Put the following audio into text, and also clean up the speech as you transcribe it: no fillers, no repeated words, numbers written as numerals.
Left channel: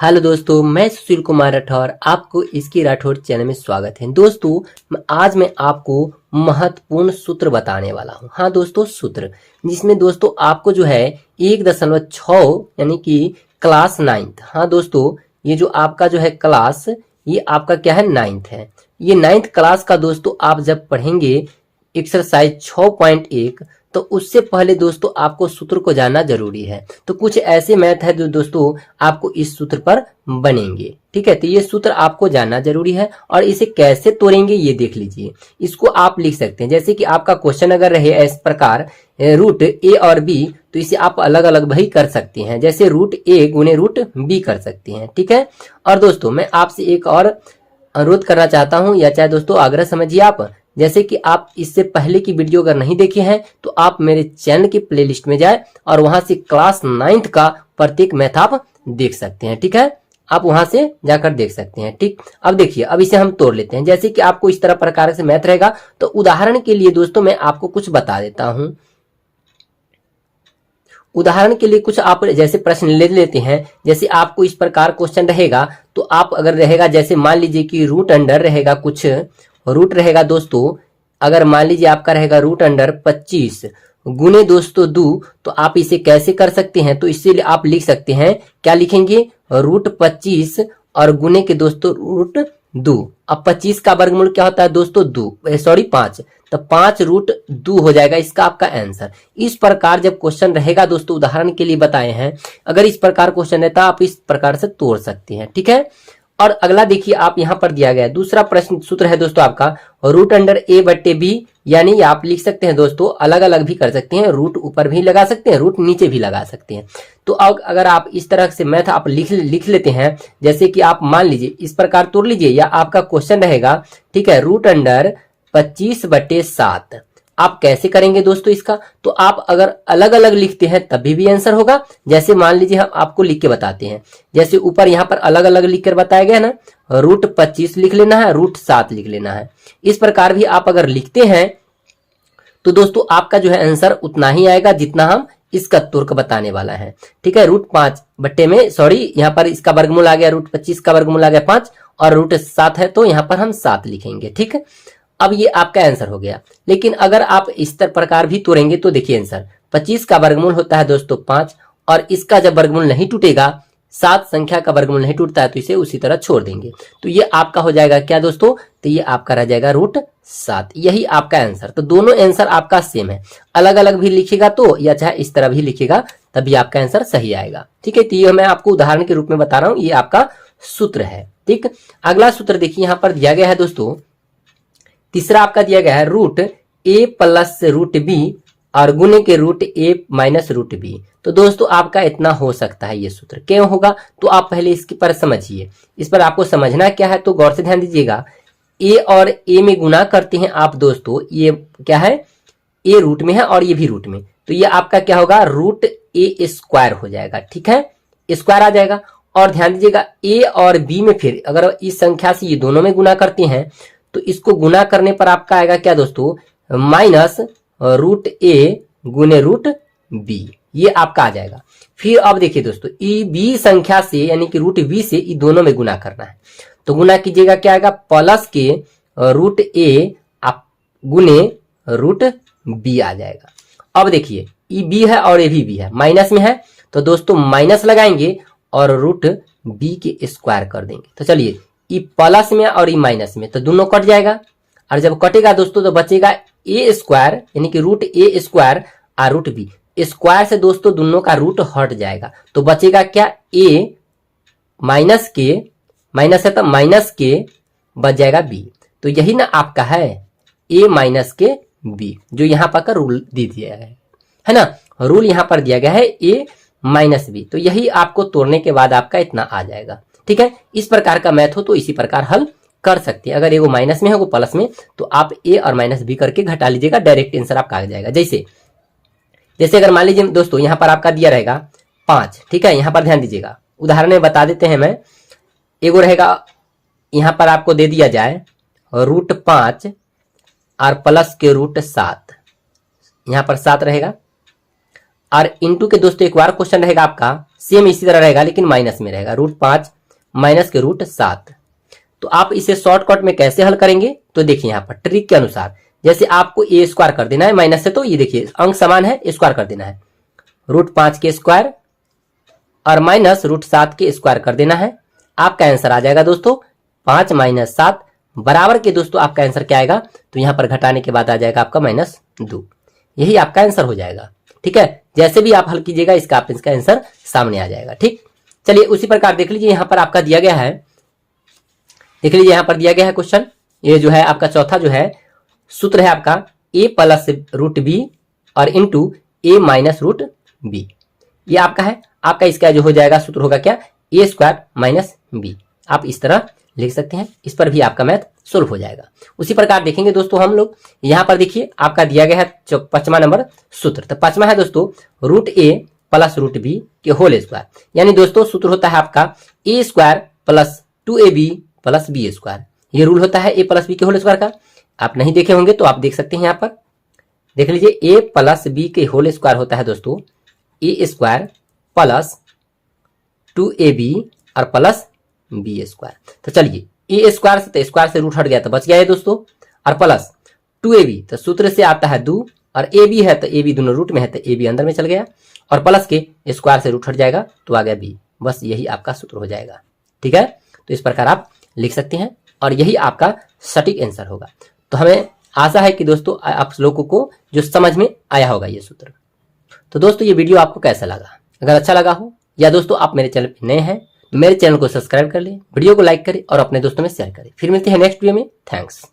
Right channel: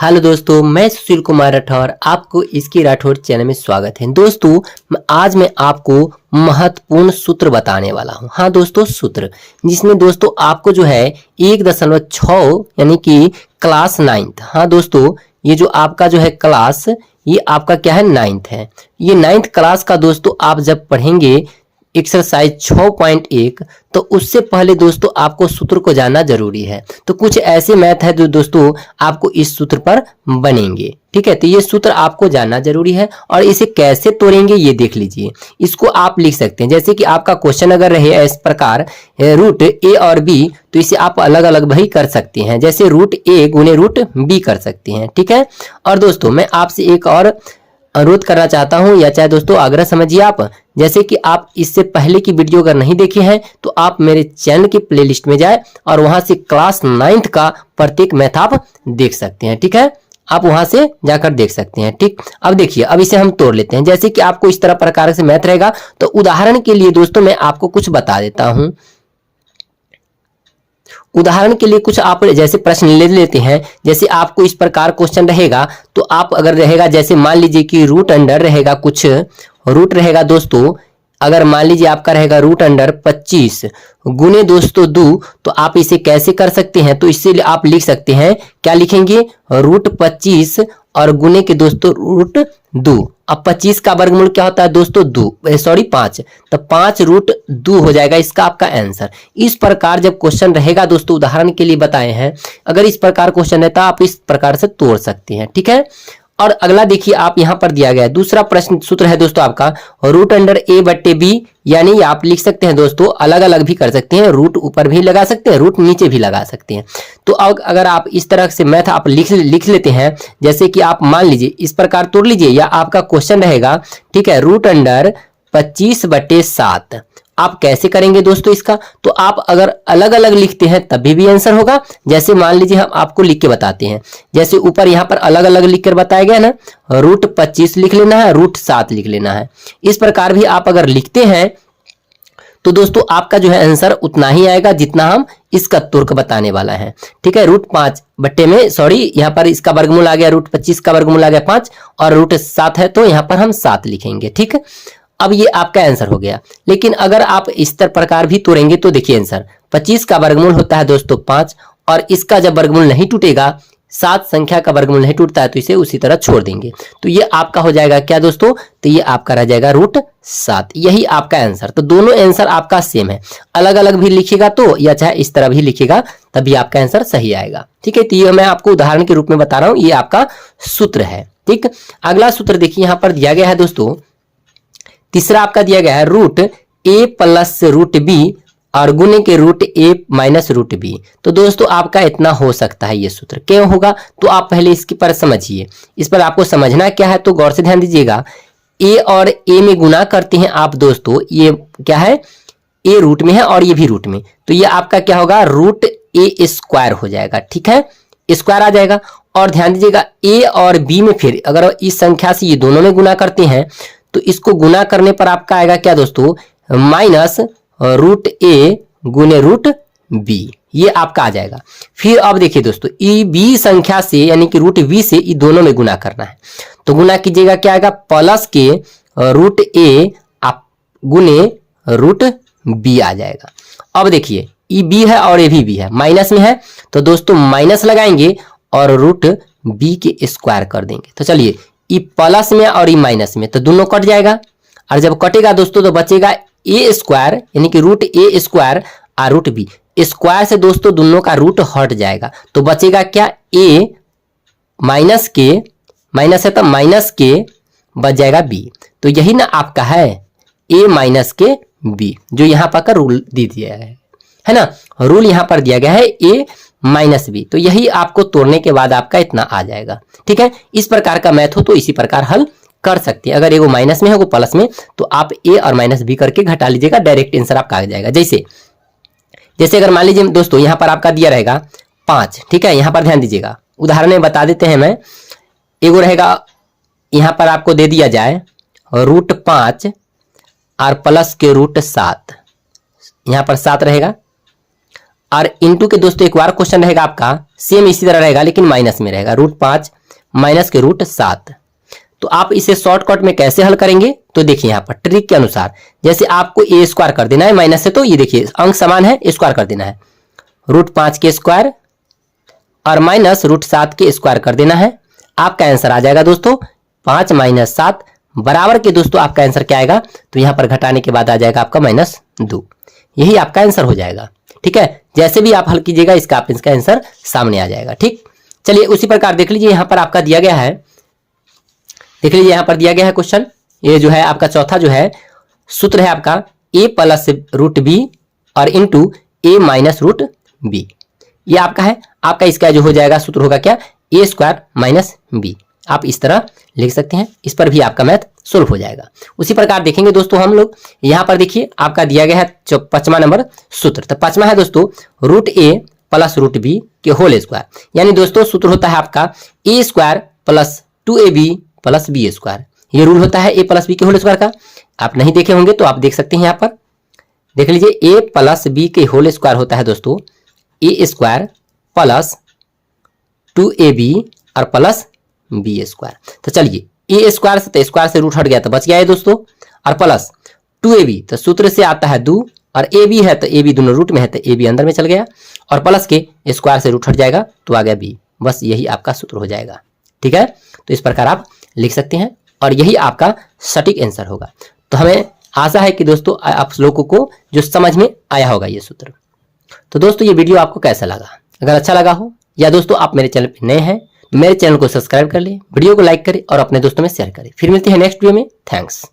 Hello दोस्तों, मैं सुशील कुमार राठौर आपको इसकी राठौर चैनल में स्वागत है। दोस्तों, आज मैं आपको महत्वपूर्ण सूत्र बताने वाला हूं। हाँ दोस्तों, सूत्र जिसमें दोस्तों आपको जो है 1.6 यानी कि क्लास 9th। हाँ दोस्तों, ये जो आपका जो है क्लास, ये आपका क्या है 9th है। ये 9th क्लास का दोस्तों आप जब पढ़ेंगे एक्सरसाइज 6.1, तो उससे पहले दोस्तों आपको सूत्र को जानना जरूरी है। तो कुछ ऐसे मैथ है जो दोस्तों आपको इस सूत्र पर बनेंगे। ठीक है, तो ये सूत्र आपको जानना जरूरी है और इसे कैसे तोड़ेंगे ये देख लीजिए। इसको आप लिख सकते हैं, जैसे कि आपका क्वेश्चन अगर रहे इस प्रकार रूट ए और बी, तो इसे आप अलग अलग भी कर सकते हैं, जैसे रूट ए गुने रूट बी कर सकते हैं। ठीक है, और दोस्तों मैं आपसे एक और अनुरोध करना चाहता हूं, या चाहे दोस्तों आग्रह समझिए आप, जैसे कि आप इससे पहले की वीडियो अगर नहीं देखे हैं तो आप मेरे चैनल की प्लेलिस्ट में जाए और वहां से क्लास 9th का प्रत्येक मैथ आप देख सकते हैं। ठीक है, आप वहां से जाकर देख सकते हैं। ठीक, अब देखिए, अब इसे हम तोड़ लेते हैं। जैसे कि आपको इस तरह प्रकार से मैथ रहेगा, तो उदाहरण के लिए दोस्तों मैं आपको कुछ बता देता हूं। उदाहरण के लिए कुछ आप जैसे प्रश्न ले लेते हैं। जैसे आपको इस प्रकार क्वेश्चन रहेगा, तो आप अगर रहेगा, जैसे मान लीजिए कि रूट अंडर रहेगा, कुछ रूट रहेगा दोस्तों, अगर मान लीजिए आपका रहेगा रूट अंडर 25 गुने दोस्तों 2, तो आप इसे कैसे कर सकते हैं? तो इससे आप लिख सकते हैं, क्या लिखेंगे, रूट 25 और गुने के दोस्तों रूट 2। अब 25 का वर्गमूल क्या होता है दोस्तों, 5, तो 5 रूट 2 हो जाएगा इसका आपका आंसर। इस प्रकार जब क्वेश्चन रहेगा दोस्तों, उदाहरण के लिए बताए हैं, अगर इस प्रकार क्वेश्चन रहता आप इस प्रकार से तोड़ सकते हैं। ठीक है, और अगला देखिए, आप यहां पर दिया गया है दूसरा प्रश्न, सूत्र है दोस्तों आपका रूट अंडर ए बट्टे बी, यानी आप लिख सकते हैं दोस्तों, अलग अलग भी कर सकते हैं, रूट ऊपर भी लगा सकते हैं, रूट नीचे भी लगा सकते हैं। तो अगर आप इस तरह से मैथ आप लिख लेते हैं, जैसे कि आप मान लीजिए इस प्रकार तोड़ लीजिए, या आपका क्वेश्चन रहेगा, ठीक है, रूट अंडर 25/7 आप कैसे करेंगे दोस्तों इसका? तो आप अगर अलग अलग लिखते हैं तभी भी आंसर होगा। जैसे मान लीजिए हम आपको लिख के बताते हैं, जैसे ऊपर यहाँ पर अलग अलग लिख कर बताया गया ना, रूट 25 लिख लेना है, रूट 7 लिख लेना है। इस प्रकार भी आप अगर लिखते हैं तो दोस्तों आपका जो है आंसर उतना ही आएगा जितना हम इसका तुर्क बताने वाला है। ठीक है, रूट 5 बट्टे में, सॉरी यहाँ पर इसका वर्गमूल आ गया, रूट 25 का वर्गमूल आ गया 5 और रूट 7 है, तो यहाँ पर हम 7 लिखेंगे। ठीक है, अब ये आपका आंसर हो गया। लेकिन अगर आप इस प्रकार भी तोड़ेंगे तो देखिए आंसर 25 का वर्गमूल होता है दोस्तों 5, और इसका जब वर्गमूल नहीं टूटेगा, 7 संख्या का वर्गमूल नहीं टूटता है, तो इसे उसी तरह छोड़ देंगे। तो ये आपका हो जाएगा क्या दोस्तों, तो ये आपका रह जाएगा रूट 7। यही आपका आंसर। तो दोनों आंसर आपका सेम है, अलग अलग भी लिखेगा तो, या चाहे इस तरह भी लिखेगा तभी आपका आंसर सही आएगा। ठीक है, तो ये मैं आपको उदाहरण के रूप में बता रहा हूं, ये आपका सूत्र है। ठीक, अगला सूत्र देखिए यहां पर दिया गया है दोस्तों, तीसरा आपका दिया गया है रूट ए प्लस रूट बी और गुने के रूट ए माइनस रूट बी। तो दोस्तों आपका इतना हो सकता है। ये सूत्र क्यों होगा, तो आप पहले इसके पर समझिए। इस पर आपको समझना क्या है, तो गौर से ध्यान दीजिएगा। ए और ए में गुना करते हैं आप दोस्तों, ये क्या है, ए रूट में है और ये भी रूट में, तो ये आपका क्या होगा, रूट ए स्क्वायर हो जाएगा। ठीक है, स्क्वायर आ जाएगा। और ध्यान दीजिएगा, ए और बी में फिर अगर इस संख्या से ये दोनों में गुना करते हैं, तो इसको गुना करने पर आपका आएगा क्या दोस्तों, माइनस रूट ए गुने रूट बी, ये आपका आ जाएगा। फिर अब देखिए दोस्तों, ई बी संख्या से यानी कि रूट बी से ये दोनों में गुना करना है, तो गुना कीजिएगा, क्या आएगा, प्लस के रूट ए आप गुने रूट बी आ जाएगा। अब देखिए, ई बी है और ए भी बी है, माइनस में है, तो दोस्तों माइनस लगाएंगे और रूट बी के स्क्वायर कर देंगे। तो चलिए, ई प्लस में और ई माइनस में, तो दोनों कट जाएगा, और जब कटेगा दोस्तों तो बचेगा ए स्क्वायर यानी कि रूट ए स्क्वायर और रूट बी स्क्वायर से दोस्तों दोनों का रूट हट जाएगा, तो बचेगा क्या, ए माइनस के, माइनस है तो माइनस के, बच जाएगा बी। तो यही ना आपका है ए माइनस के बी, जो यहाँ पर का रूल दे दिया है ना, रूल यहाँ पर दिया गया है ए माइनस बी। तो यही आपको तोड़ने के बाद आपका इतना आ जाएगा। ठीक है, इस प्रकार का मैथ हो तो इसी प्रकार हल कर सकते हैं। अगर एगो माइनस में है, वो प्लस में, तो आप ए और माइनस बी करके घटा लीजिएगा, डायरेक्ट आंसर आपका आ जाएगा। जैसे अगर मान लीजिए दोस्तों यहाँ पर आपका दिया रहेगा 5, ठीक है, यहाँ पर ध्यान दीजिएगा, उदाहरण में बता देते हैं। मैं एगो रहेगा यहाँ पर आपको दे दिया जाए रूट 5 और प्लस के रूट 7, यहाँ पर 7 रहेगा, और इंटू के दोस्तों एक बार क्वेश्चन रहेगा आपका सेम इसी तरह रहेगा लेकिन माइनस में रहेगा, √5 माइनस के √7। तो आप इसे शॉर्टकट में कैसे हल करेंगे, तो देखिए यहाँ पर ट्रिक के अनुसार जैसे आपको ए स्क्वायर कर देना है माइनस से, तो ये देखिए अंक समान है, स्क्वायर कर देना है, √5 के स्क्वायर और माइनस √7 के स्क्वायर कर देना है। आपका आंसर आ जाएगा दोस्तों 5 - 7 बराबर के दोस्तों आपका आंसर क्या आएगा, तो यहाँ पर घटाने के बाद आ जाएगा आपका -2। यही आपका आंसर हो जाएगा। ठीक है, जैसे भी आप हल कीजिएगा इसका आंसर सामने आ जाएगा। ठीक, चलिए उसी प्रकार देख लीजिए यहाँ पर आपका दिया गया है, देख लीजिए यहाँ पर दिया गया है क्वेश्चन। ये जो है आपका चौथा जो है सूत्र है आपका a + √b और इंटू a - √b। ये आपका है, आपका इसका जो हो जाएगा सूत्र होगा क्या, a² - b। आप इस तरह लिख सकते हैं, इस पर भी आपका मैथ सोल्व हो जाएगा। उसी प्रकार देखेंगे दोस्तों हम लोग, यहाँ पर देखिए आपका दिया गया है 5वां नंबर सूत्र। तो 5वां है दोस्तों √a + √b के होल स्क्वायर, यानी दोस्तों सूत्र होता है आपका a² + 2ab + b²। ये रूल होता है a + b के होल स्क्वायर का। आप नहीं देखे होंगे तो आप देख सकते हैं, यहाँ पर देख लीजिए a + b के होल स्क्वायर होता है दोस्तों a² + 2ab और प्लस b²। तो चलिए a स्क्वायर से तो स्क्वायर से रूट हट गया तो बच गया है दोस्तों, और प्लस 2ab तो सूत्र से आता है 2 और ab है तो ab दोनों रूट में है तो ab अंदर में चल गया, और प्लस के स्क्वायर से रूट हट जाएगा तो आ गया b। बस यही आपका सूत्र हो जाएगा। ठीक है, तो इस प्रकार आप लिख सकते हैं और यही आपका सटीक आंसर होगा। तो हमें आशा है कि दोस्तों आप लोगों को जो समझ में आया होगा ये सूत्र। तो दोस्तों ये वीडियो आपको कैसा लगा, अगर अच्छा लगा हो या दोस्तों आप मेरे चैनल पर नए हैं तो मेरे चैनल को सब्सक्राइब कर लें, वीडियो को लाइक करें और अपने दोस्तों में शेयर करें। फिर मिलते हैं नेक्स्ट वीडियो में। थैंक्स।